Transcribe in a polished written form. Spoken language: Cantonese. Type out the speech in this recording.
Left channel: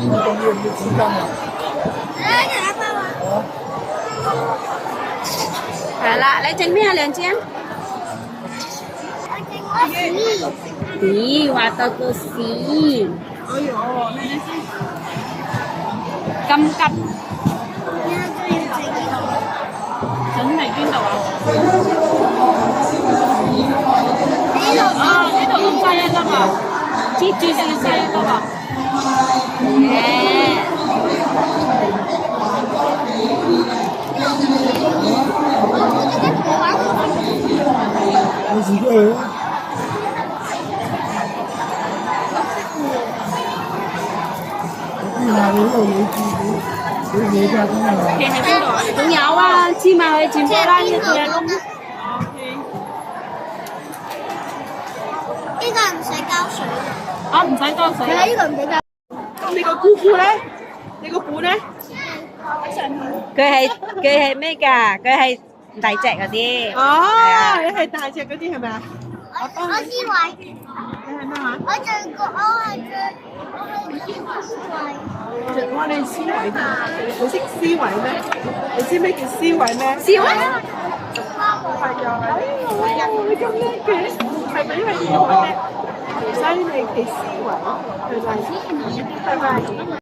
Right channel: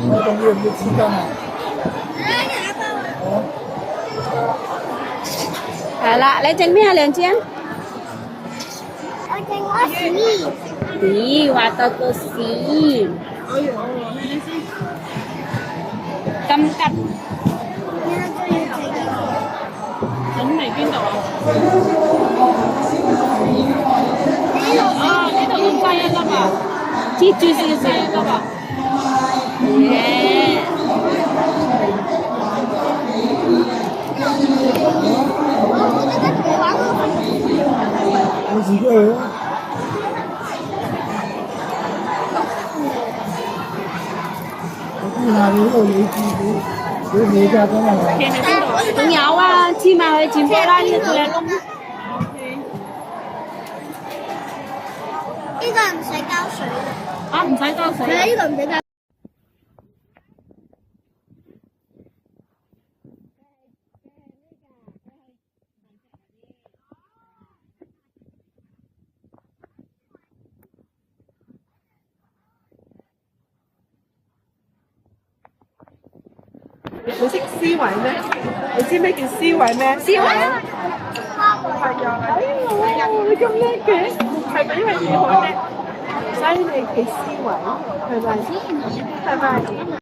你懂有没有吃干嘛？好啦，你整咩啊？梁姐？咦，話到個屎！哎呦，睇睇先，咁吉，整嚟邊度啊？啊，呢度咁細啊，得嘛？知知知知啊，得嘛？有幾個？你睇你度你家邊啊？企喺邊度啊？仲有啊，芝麻去轉波啦，呢個呢個唔使交水嘅。啊，唔使交水。係啊，呢個唔使交。咁你個姑姑咧？你個鼓咧？佢係咩㗎？佢係大隻嗰啲。哦，你係大隻嗰啲係咪啊？我思維。你係咩話？我係我哋思維㗎。你識思維咩？你知咩叫思維咩？思維。係啊，你咁叻嘅，係咪因為你好叻，所以你嘅思維係咪？係咪？